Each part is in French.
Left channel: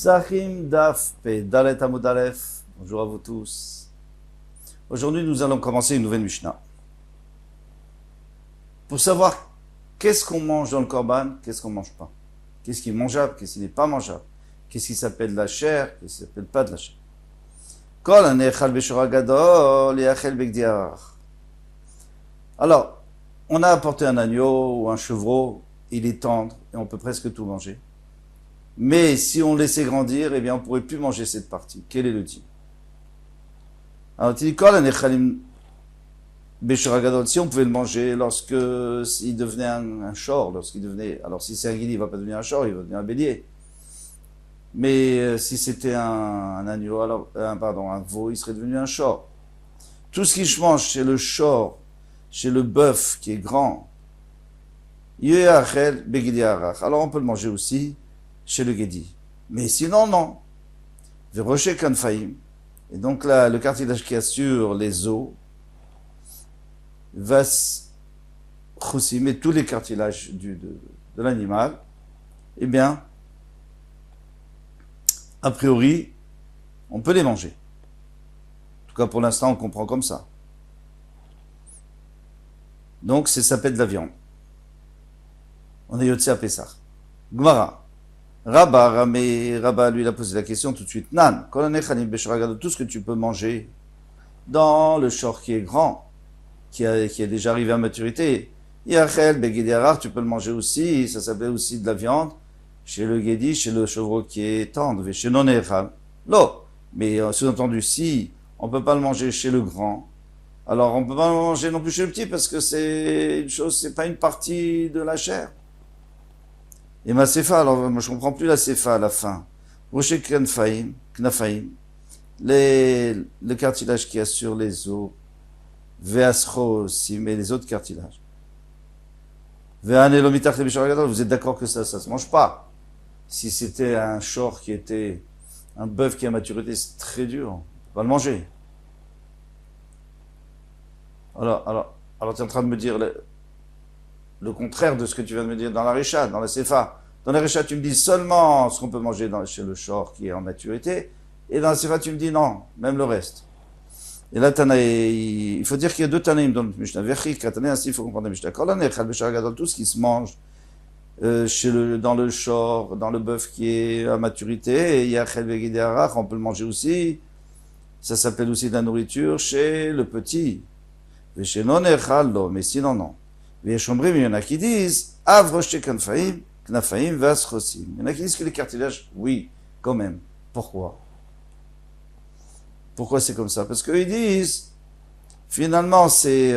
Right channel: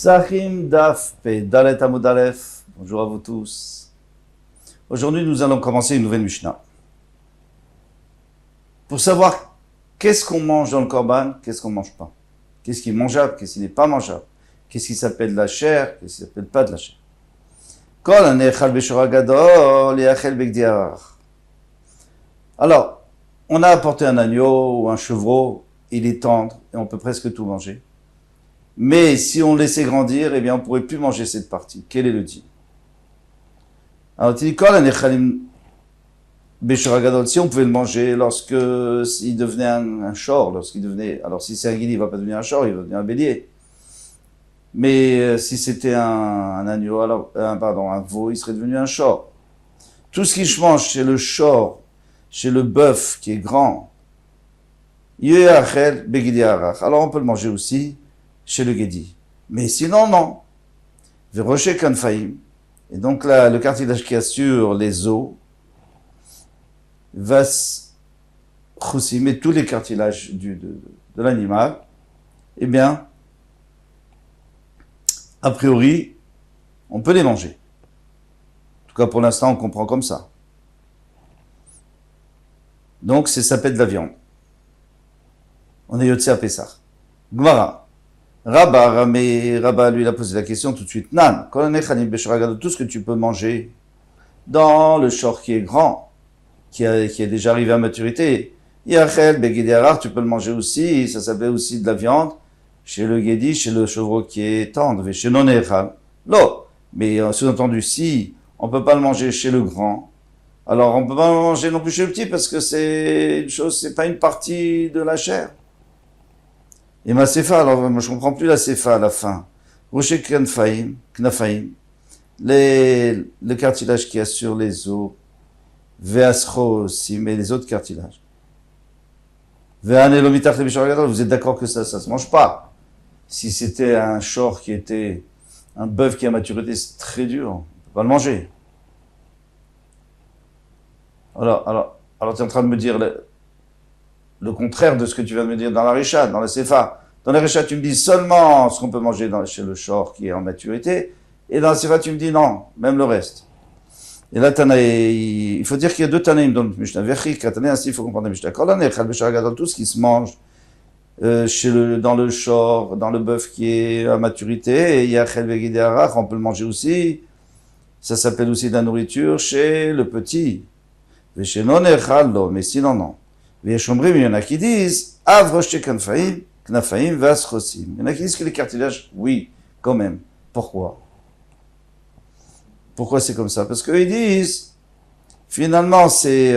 Sahim Daf Pe Dalet Amud Aleph. Bonjour à vous tous. Aujourd'hui, nous allons commencer une nouvelle Mishnah. Pour savoir qu'est-ce qu'on mange dans le Korban, qu'est-ce qu'on mange pas. Qu'est-ce qui est mangeable, qu'est-ce qui n'est pas mangeable. Qu'est-ce qui s'appelle de la chair, qu'est-ce qui s'appelle pas de la chair. Kol anechal beshora gadol yachel begdiar. Alors, on a apporté un agneau ou un chevreau, il est tendre et on peut presque tout manger. Mais si on laissait grandir, eh bien, on ne pourrait plus manger cette partie. Quel est le dit? Alors, il dit, si on pouvait le manger lorsque, s'il devenait un shor, lorsqu'il devenait, alors si c'est un guidi, il ne va pas devenir un shor, il va devenir un bélier. Mais si c'était un agneau, alors, un veau, il serait devenu un shor. Tout ce qui se mange chez le shor, chez le bœuf qui est grand, alors on peut le manger aussi chez le Gedi. Mais sinon, non. Veroché Kanfaim. Et donc là, le cartilage qui assure les os, Vas Choussim, et tous les cartilages de l'animal, eh bien, a priori, on peut les manger. En tout cas, pour l'instant, on comprend comme ça. Donc, ça s'appelle de la viande. On est Yotse à Pessah. Gmara. Rabba, lui, il a posé la question tout de suite. Nan, tout ce que tu peux manger dans le shor qui est grand, qui est déjà arrivé à maturité. Yachel, Begediarar, tu peux le manger aussi, ça s'appelait aussi de la viande, chez le Gedi, chez le chevreau qui est tendre, chez non Echal. Lo, mais sous-entendu, si on peut pas le manger chez le grand, alors on peut pas le manger non plus chez le petit, parce que c'est une chose, c'est pas une partie de la chair. Et ma sefa, alors moi je comprends plus la sefa à la fin. Rocher Knafaim, le cartilage qui assure les os, Veasro aussi, mais les autres cartilages. Veanelomitach le vous êtes d'accord que ça se mange pas. Si c'était un shor qui était un bœuf qui a maturité, c'est très dur, on peut pas le manger. Alors tu es en train de me dire le contraire de ce que tu viens de me dire dans la Récha, dans la Sefa. Dans la Récha, tu me dis seulement ce qu'on peut manger chez le shor qui est en maturité, et dans la Sefa, tu me dis non, même le reste. Et là, il faut dire qu'il y a deux Tanaïm dans le Mishnah. Ainsi, il faut comprendre le Mishnah. Tout ce qui se mange dans le shor, dans le bœuf qui est à maturité, et il y a on peut le manger aussi. Ça s'appelle aussi de la nourriture chez le petit. Mais sinon, non. Il y en a qui disent, Knafaim, Vasrosim. Il y en a qui disent que les cartilages, oui, quand même. Pourquoi? Pourquoi c'est comme ça? Parce qu'eux, ils disent, finalement, ces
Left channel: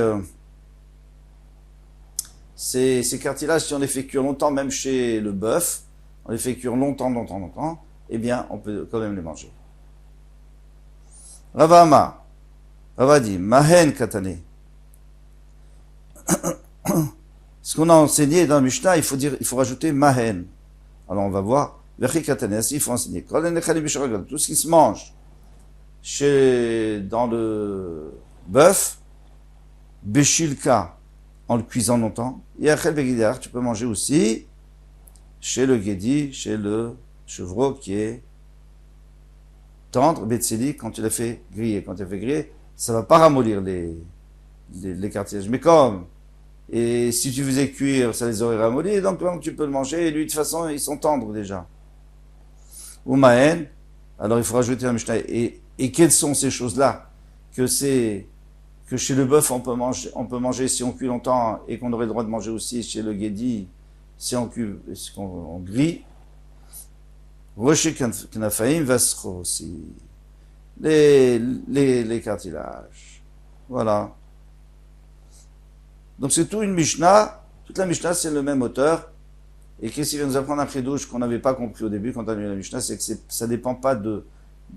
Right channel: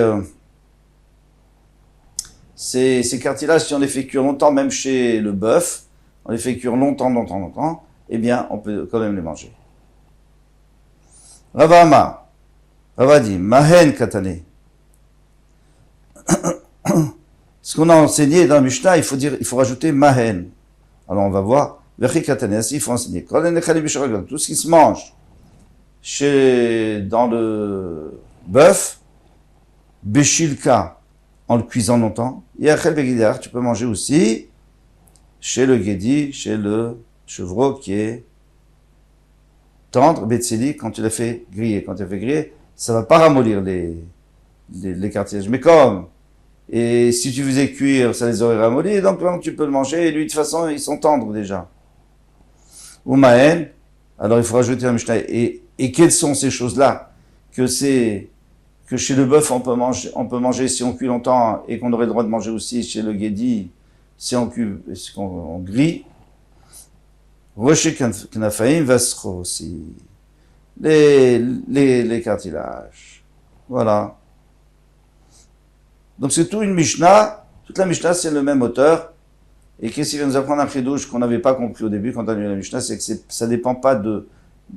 cartilages, si on les fait cuire longtemps, même chez le bœuf, on les fait cuire longtemps, eh bien, on peut quand même les manger. Rava dit, Mahen Katane. Ce qu'on a enseigné dans le Mishnah, il faut rajouter Mahen. Alors, on va voir, Vechi Katane, ainsi, il faut enseigner. Tout ce qui se mange dans le bœuf, Beshilka, en le cuisant longtemps, Yachel Begidar, tu peux manger aussi chez le Gedi, chez le chevreau qui est tendre, Betseli, quand tu l'as fait griller. Quand tu l'as fait griller, ça va pas ramollir les cartilages. Mais et si tu faisais cuire, ça les aurait ramollis, donc tu peux le manger, et lui, de toute façon, ils sont tendres déjà. Ou Mahen, alors il faut rajouter un Mishnah. Et quelles sont ces choses-là? Que chez le bœuf, on peut manger si on cuit longtemps, et qu'on aurait le droit de manger aussi chez le Gedi, si on grille. Rocher Knafaim Vasro aussi. Les cartilages. Voilà. Donc c'est tout une Mishnah. Toute la Mishnah, c'est le même auteur. Et qu'est-ce qu'il vient nous apprendre un chidouche qu'on n'avait pas compris au début quand on a lu la Mishnah, c'est que ça dépend pas de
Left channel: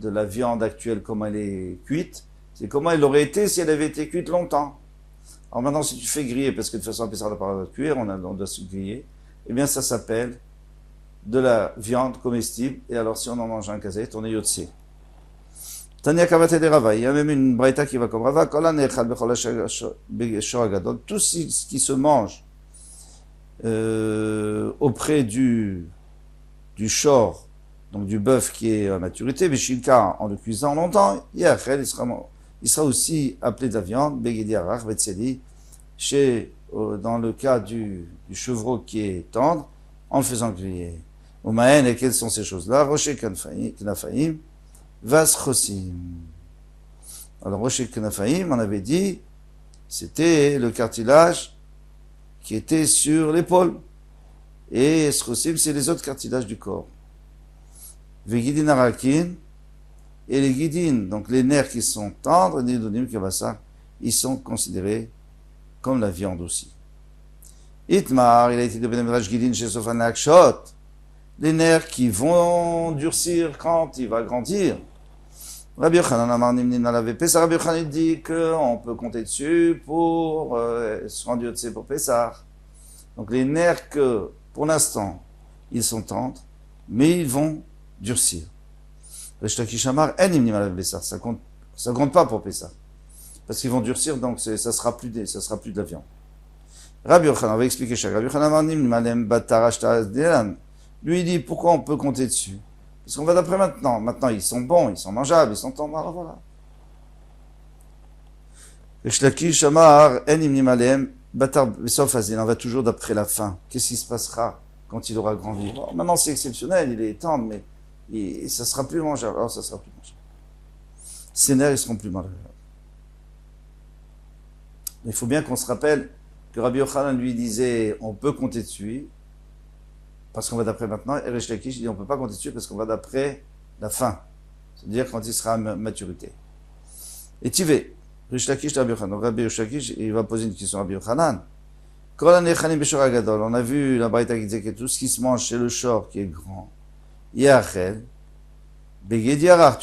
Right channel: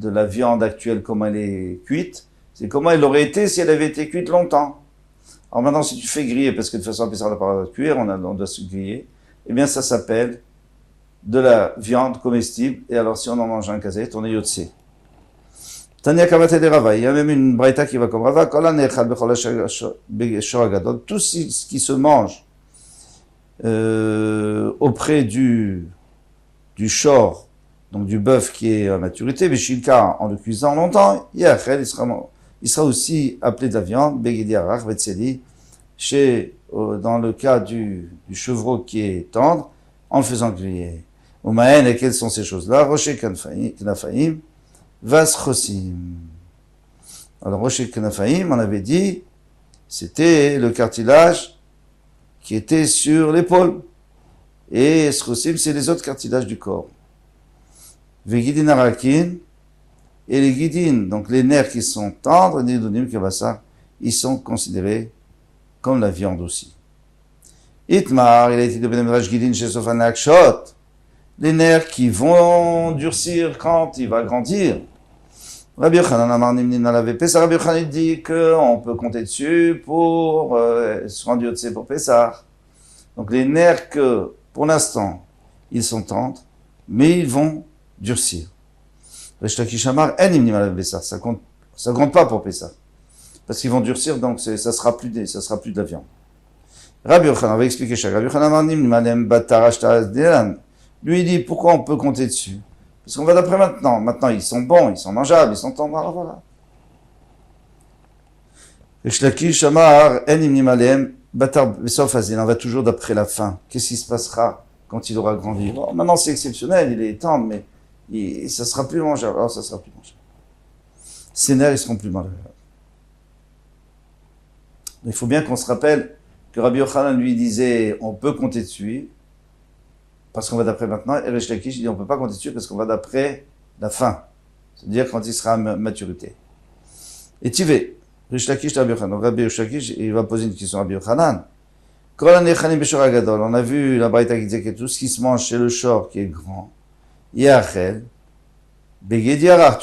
la viande actuelle, comment elle est cuite, c'est comment elle aurait été si elle avait été cuite longtemps. Alors maintenant, si tu fais griller, parce que de toute façon, ça n'a pas de cuire, on doit se griller, eh bien ça s'appelle de la viande comestible, et alors si on en mange un kazet, on est yotse. Tania Kavate de Rava, il y a même une braïta qui va comme Rava, tout ce qui se mange auprès du shor donc du bœuf qui est à maturité, Beshilka, en le cuisant longtemps, Yachel, il sera aussi appelé de la viande, Begedi Arach, Betseli, dans le cas du chevreau qui est tendre, en le faisant griller. Umaen, et quelles sont ces choses-là? Rocher Knafaim, Vaschosim. Alors, Rocher Knafaim, on avait dit, c'était le cartilage qui était sur l'épaule. Et Schosim, c'est les autres cartilages du corps. Vegidin Arakin, et les guidines, donc les nerfs qui sont tendres, Nidonim Kavasa, ils sont considérés comme la viande aussi. Itmar, il a été de Benedrash Gidin chez Sofan Akshot, les nerfs qui vont durcir quand il va grandir. Rabbi Yochanan Amar Nimnin Alavé Pessah, Rabbi Yochanan dit qu'on peut compter dessus pour se rendre Yotse pour Pessah. Donc les nerfs que, pour l'instant, ils sont tendres, mais ils vont durcir. Resh Lakish Amar En Nimnin Alavé Pessah, ça compte pas pour Pessah. Parce qu'ils vont durcir, donc ça sera plus de la viande. Rabbi Yochanan, on va expliquer chaque. Rabbi Yochanan Amar Nimnin Alem Batarash Ta'az Delan. Lui, il dit, pourquoi on peut compter dessus? Parce qu'on va d'après maintenant. Maintenant, ils sont bons, ils sont mangeables, ils sont tendres, alors voilà. Shlakish Amar, En Imnim Aleem, Batar Bessof Azin, on va toujours d'après la fin. Qu'est-ce qui se passera quand il aura grandi? Bon, maintenant, c'est exceptionnel, il est tendre, mais ça sera plus mangeable. Alors, ça sera plus mangeable. Ses nerfs, ils seront plus mangeables. Il faut bien qu'on se rappelle que Rabbi Yochanan lui disait, on peut compter dessus, parce qu'on va d'après maintenant, et Resh Lakish dit on ne peut pas compter dessus parce qu'on va d'après la fin, c'est-à-dire quand il sera à maturité. Et Tivé, Resh Lakish Rabbi Yochanan, donc Rabbi Lakish, il va poser une question à Rabbi Yochanan. On a vu la Braïta qui disait que tout ce qui se mange chez le shor qui est grand, Yachel, Begedi Arar,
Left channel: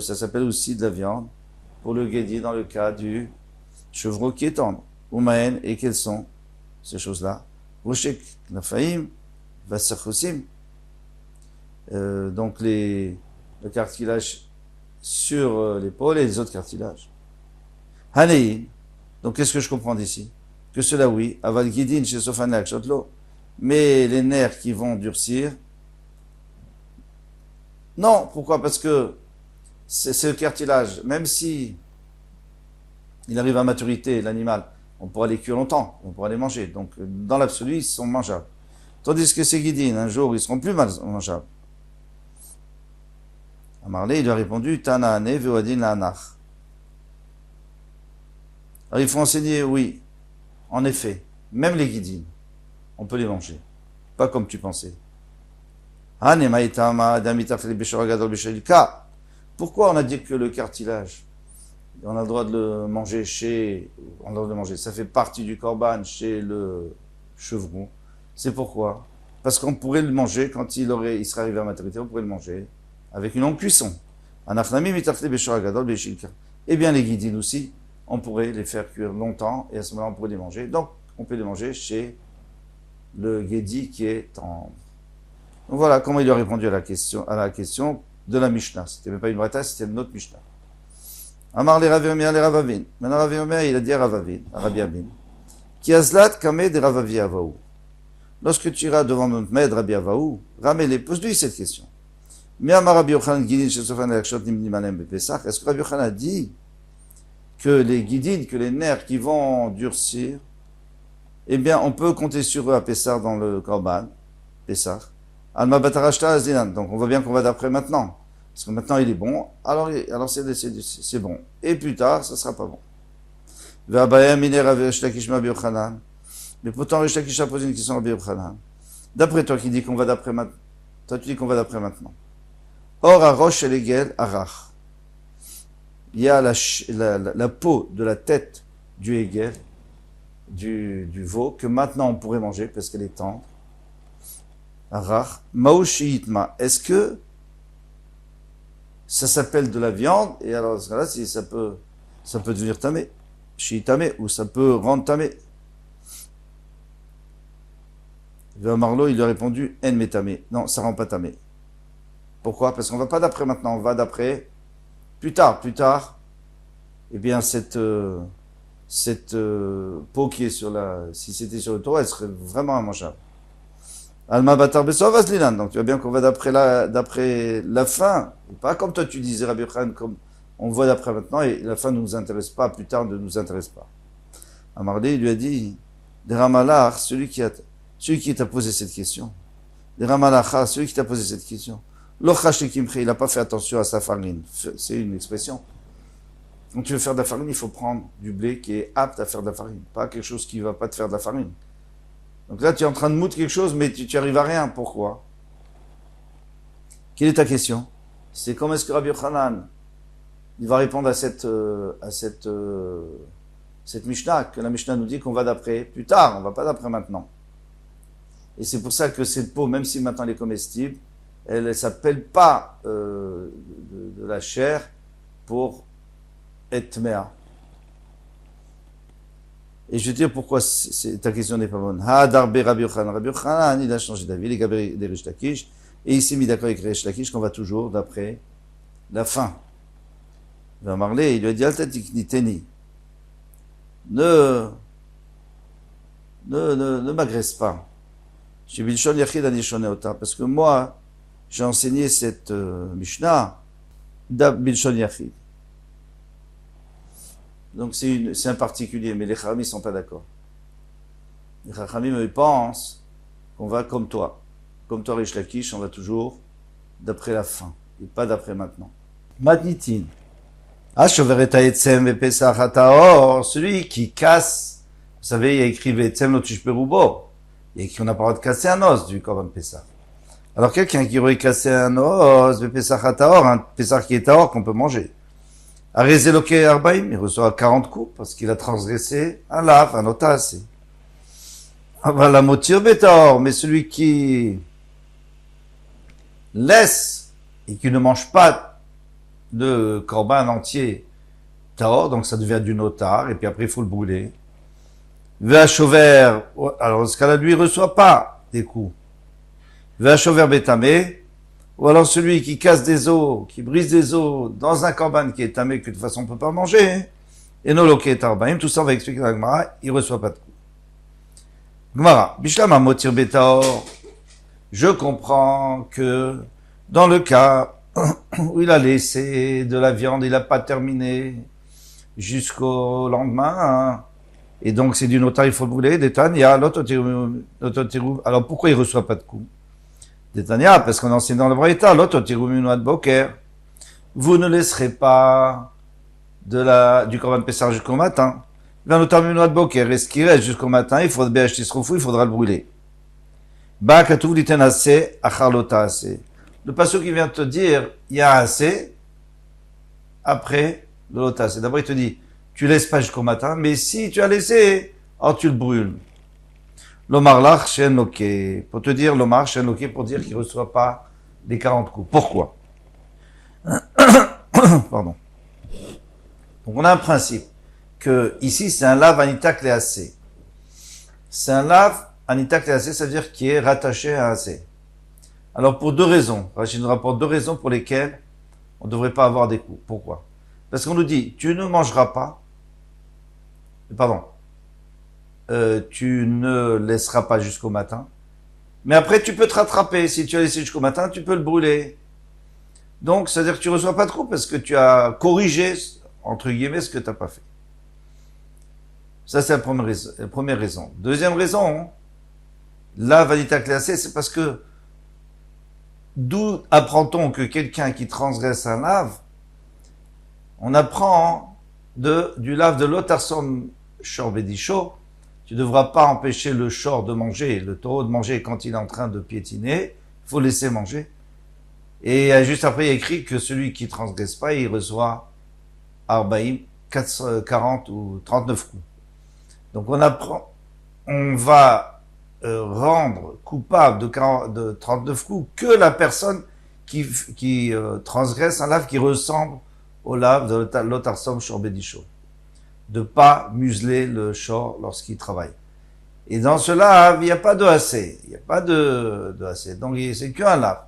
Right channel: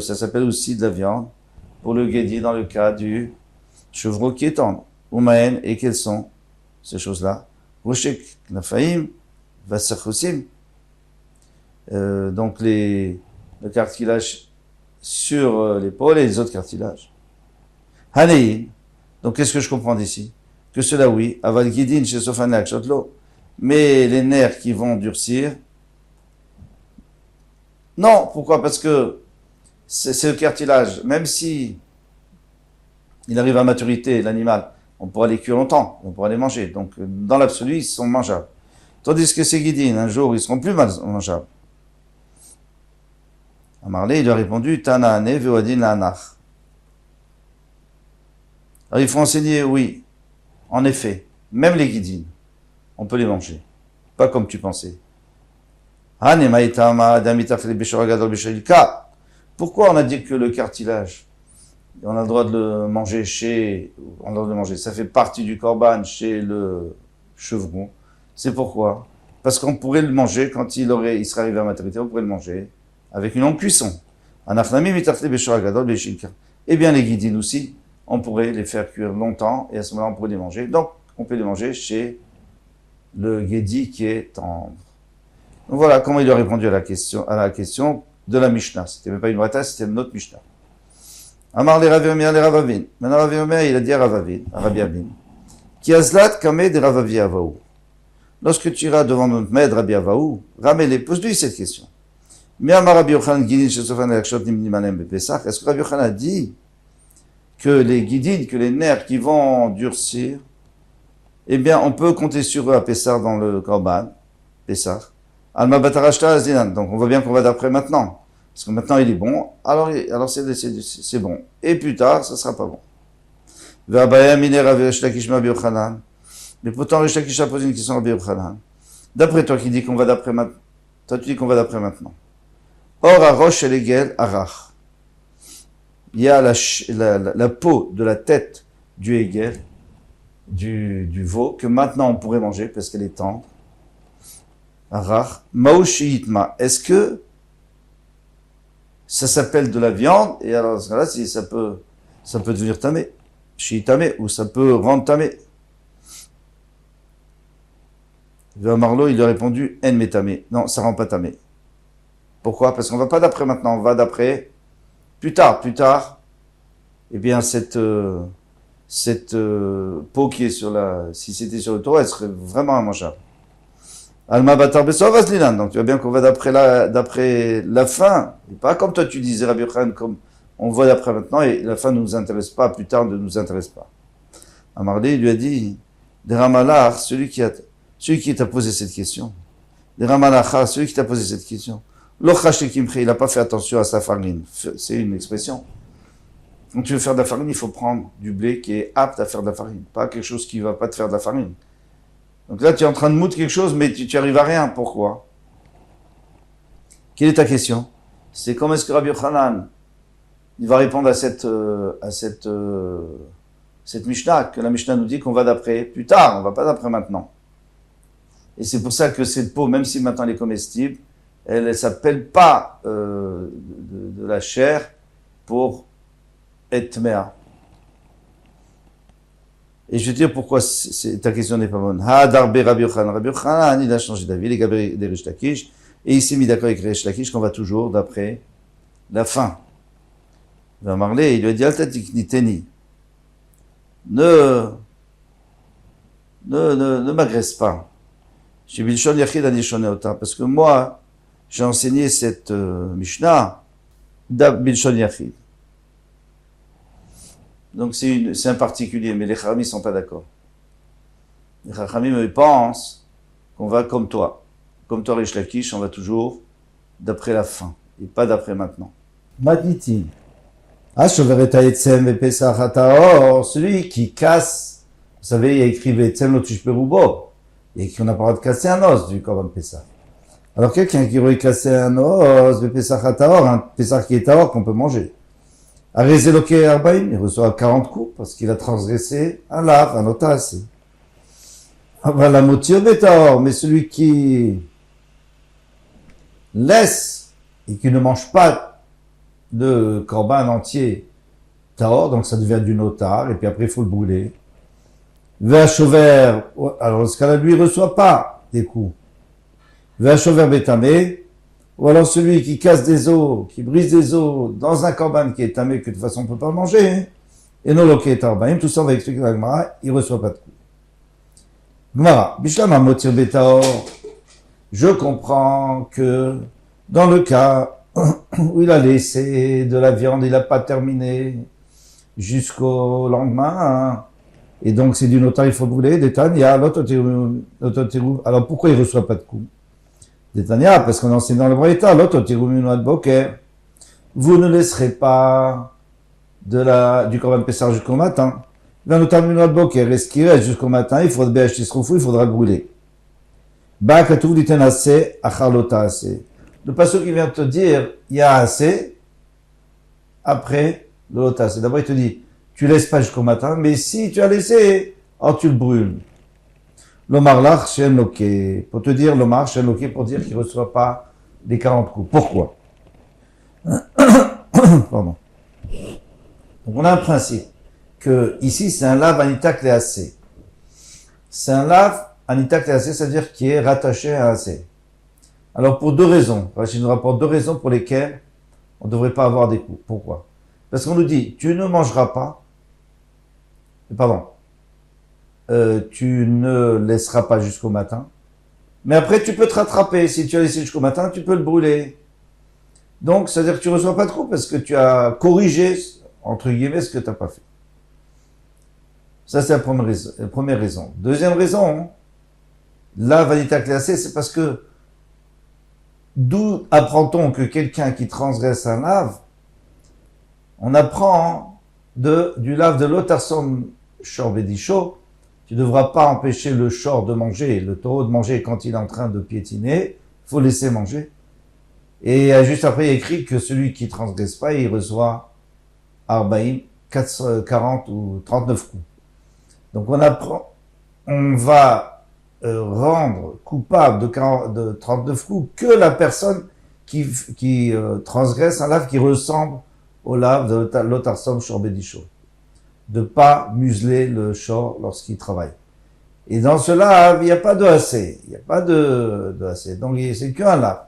ça s'appelle aussi de la viande, pour le Gedi dans le cas du chevreau qui est tendre. Umaen, et quelles sont ces choses-là? Roshek Nafaim, Vassachosim, donc le cartilage sur l'épaule et les autres cartilages. Hanein, donc qu'est-ce que je comprends d'ici? Que cela oui, aval gidin chez Sofanak Shotlo, mais les nerfs qui vont durcir, non, pourquoi? Parce que c'est le cartilage, même si il arrive à maturité, l'animal, on pourra les cuire longtemps, on pourra les manger, donc dans l'absolu, ils sont mangeables. Tandis que ces guidines, un jour, ils seront plus mangeables. Amarlé, il lui a répondu, Tana'ane ve'odin la'anach. Alors, il faut enseigner, oui, en effet, même les guidines, on peut les manger. Pas comme tu pensais. Pourquoi on a dit que le cartilage, on a le droit de le manger ça fait partie du korban chez le chevreau. C'est pourquoi? Parce qu'on pourrait le manger quand il serait arrivé à maturité, on pourrait le manger avec une longue cuisson. Eh bien, les guidines aussi, on pourrait les faire cuire longtemps et à ce moment-là, on pourrait les manger. Donc, on peut les manger chez le guédi qui est tendre. Donc voilà comment il a répondu à la question de la Mishnah. C'était même pas une braïta, c'était une autre Mishnah. Amar les Ravavin, les Ravavin. Maintenant, Ravavin, il a dit à Ravavin, à Rabbi Abin, qui azlat kameh de Ravavi Avaou. Lorsque tu iras devant notre maître Rabbi Avaou, ramène-les, pose-lui cette question. Est-ce que Rabbi Yochanan a dit que les guidines, que les nerfs qui vont durcir, eh bien, on peut compter sur eux à Pessah dans le Korban, Pessah. Alma Batarashta Azinan. Donc, on voit bien qu'on va d'après maintenant. Parce que maintenant, il est bon. Alors c'est bon. Et plus tard, ça sera pas bon. Mais pourtant, Resh Lakish a posé une question à Rabbi Yochanan. D'après toi qui dis qu'on va d'après maintenant. Toi, tu dis qu'on va d'après maintenant. Or, à Rosh Elegel Arach. Il y a la peau de la tête du Hegel, du veau, que maintenant on pourrait manger parce qu'elle est tendre. Arach. Maoshi Hitma. Est-ce que ça s'appelle de la viande? Et alors, dans ce cas-là, si ça peut devenir tamé. Shiitame. Ou ça peut rendre tamé. Marlo, il lui a répondu En metame. Non, ça rend pas tamé. Pourquoi? Parce qu'on va pas d'après maintenant, on va d'après plus tard. Eh bien, cette peau qui est si c'était sur le taureau, elle serait vraiment immangeable. Alma batar besov aslilan. Donc tu vois bien qu'on va d'après la fin. Et pas comme toi tu disais, Rabbi Yochanan, comme on voit d'après maintenant, et la fin ne nous intéresse pas, plus tard ne nous intéresse pas. Amarli, il lui a dit, des Ramalach, celui qui t'a posé cette question. Des Ramalach, celui qui t'a posé cette question. Il n'a pas fait attention à sa farine. C'est une expression. Quand tu veux faire de la farine, il faut prendre du blé qui est apte à faire de la farine. Pas quelque chose qui ne va pas te faire de la farine. Donc là, tu es en train de moudre quelque chose, mais tu arrives à rien. Pourquoi? Quelle est ta question? C'est comment est-ce que Rabbi Yochanan, il va répondre à cette Mishnah, que la Mishnah nous dit qu'on va d'après plus tard, on va pas d'après maintenant. Et c'est pour ça que cette peau, même si maintenant elle est comestible, elle ne s'appelle pas de la chair pour être mea. Et je vais te dire pourquoi ta question n'est pas bonne. Darbe Rabbi Yochanan. Rabbi Yochanan, il a changé d'avis, il est gabé des Rish Lakish, et il s'est mis d'accord avec Rish Lakish qu'on va toujours d'après la fin. Il va parler, il lui a dit, Altatik niteni. Ne m'agresse pas. Chez Bilshon Yachid Anishoneota, parce que moi, j'ai enseigné cette Mishnah Bilshon Yachid. Donc c'est un particulier, mais les Chachamim ne sont pas d'accord. Les Chachamim, ils pensent qu'on va comme toi. Comme toi, Rish Lakish, on va toujours d'après la fin, et pas d'après maintenant. Madnitin. Celui qui casse, vous savez, il y a écrit Vetsem Lotush Perubo. Il y a écrit qu'on n'a pas le droit de casser un os du Korban Pessah. Alors quelqu'un qui aurait cassé un os, Pesach Hataor, un Pessah qui est Taor qu'on peut manger. Arezeloke Arbaim, il reçoit 40 coups parce qu'il a transgressé un lave, un otasé. La motir Betaor, mais celui qui laisse et qui ne mange pas de corban entier taor, donc ça devient du notar, et puis après il faut le brûler. Vachover, alors dans ce cas-là, lui, il reçoit pas des coups. Vachover bétamé, ou alors celui qui casse des os, qui brise des os dans un corban qui est tamé, que de toute façon on peut pas manger, et non loké tarbaim, tout ça on va expliquer dans la Gemara, il reçoit pas de coups. Gemara, Bishlam motir betaor, je comprends que dans le cas où il a laissé de la viande, il n'a pas terminé jusqu'au lendemain, hein. Et donc c'est du notaire, il faut brûler, Détania, alors pourquoi il ne reçoit pas de coups? Détania, parce qu'on enseigne dans le Braïta, boker, vous ne laisserez pas du Korban Pessah jusqu'au matin. Boker, et ce qui reste jusqu'au matin, il faudra le brûler. Le passage qui vient te dire, il y a assez, après le lotas. D'abord, il te dit, tu laisses pas jusqu'au matin, mais si tu as laissé, alors tu le brûles. L'omar lach shen loké. Pour te dire, l'omar shen loké, pour dire qu'il ne reçoit pas les 40 coups. Pourquoi? Pardon. Donc, on a un principe, que ici, c'est un lave anita cléacé. C'est un lave anita cléacé, ça veut dire qui est rattaché à un C. Alors, pour deux raisons. Rachid nous rapporte deux raisons pour lesquelles on ne devrait pas avoir des coups. Pourquoi? Parce qu'on nous dit, tu ne mangeras pas, tu ne laisseras pas jusqu'au matin, mais après tu peux te rattraper. Si tu as laissé jusqu'au matin, tu peux le brûler. Donc, c'est-à-dire que tu ne reçois pas de coups parce que tu as corrigé, entre guillemets, ce que tu n'as pas fait. Ça, c'est la première raison. Deuxième raison, la vanita classée, c'est parce que d'où apprend-on que quelqu'un qui transgresse un lave, on apprend du lave de l'otarsom shor bedisho, tu ne devras pas empêcher le shor de manger, le taureau de manger quand il est en train de piétiner, il faut laisser manger. Et juste après, il y a écrit que celui qui transgresse pas, il reçoit Arbaïm, 40 ou 39 coups. Donc on va rendre coupable de 39 coups que la personne qui transgresse un lave qui ressemble au lave de l'otarsom shor bedisho. De pas museler le shor lorsqu'il travaille. Et dans ce lave, il n'y a pas de assez. Il n'y a pas de assez. Donc c'est qu'un lave.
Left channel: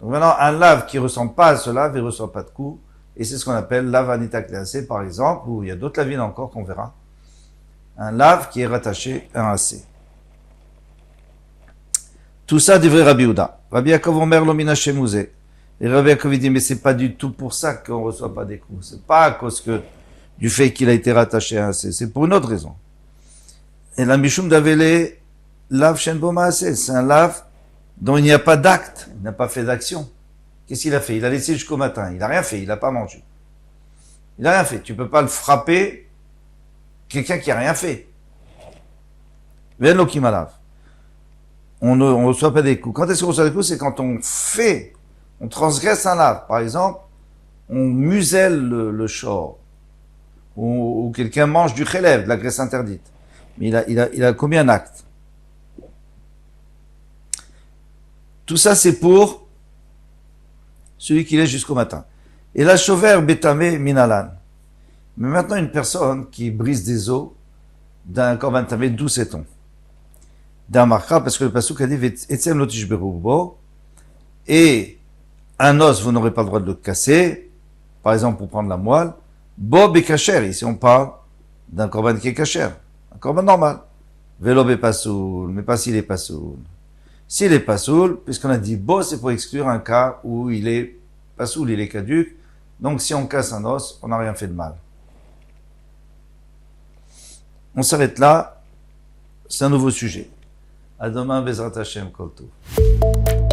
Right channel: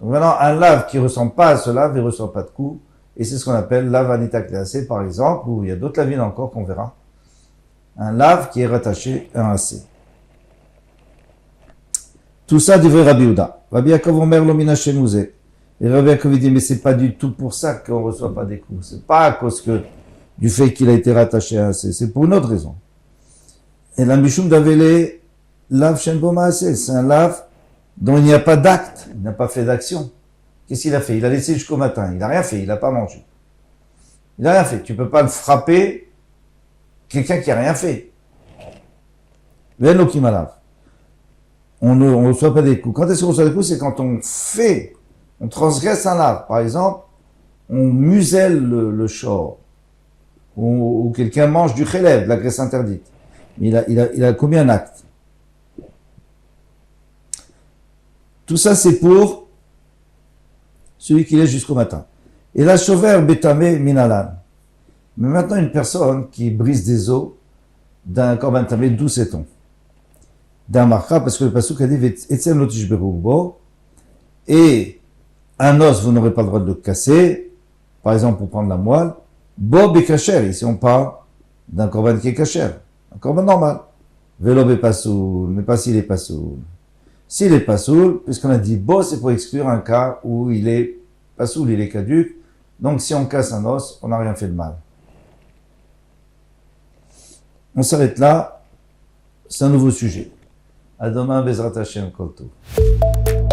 Donc maintenant, un lave qui ressemble pas à ce lave, il ne reçoit pas de coups. Et c'est ce qu'on appelle lave anita cléacé, par exemple, ou il y a d'autres lavines encore qu'on verra. Un lave qui est rattaché à un AC. Tout ça devrait Rabbi Houda. Rabbi Yaakov Omer lo mina shemouze. Et Rabbi Yaakov dit, mais c'est pas du tout pour ça qu'on reçoit pas des coups. C'est pas à cause du fait qu'il a été rattaché à un C. C'est pour une autre raison. Et la Mishum d'Avele, lave shen bo maaseh. C'est un lave dont il n'y a pas d'acte. Il n'a pas fait d'action. Qu'est-ce qu'il a fait? Il a laissé jusqu'au matin. Il n'a rien fait. Il n'a pas mangé. Il n'a rien fait. Tu peux pas le frapper, quelqu'un qui a rien fait. Ven lo kimalav. On ne reçoit pas des coups. Quand est-ce qu'on reçoit des coups? C'est quand on transgresse un lave. Par exemple, on muselle le shor. Ou quelqu'un mange du chélèv, de la graisse interdite. Mais il a commis un acte. Tout ça, c'est pour celui qui laisse jusqu'au matin. Et la chover betame minalan. Mais maintenant, une personne qui brise des os d'un korban tamé, d'où sait-on? D'un marcha, parce que le pasuk a dit etzem lo tishberu bo, et un os, vous n'aurez pas le droit de le casser, par exemple pour prendre la moelle. Bo bekacher, ici on parle d'un korban qui est kacher, un korban normal. Velo bepasoul, mais pas s'il est pasoul. S'il est pasoul, puisqu'on a dit bo, c'est pour exclure un cas où il est pasoul, il est caduc. Donc si on casse un os, on n'a rien fait de mal. On s'arrête là, c'est un nouveau sujet. À demain, Bezrat Hashem, Kol Tov.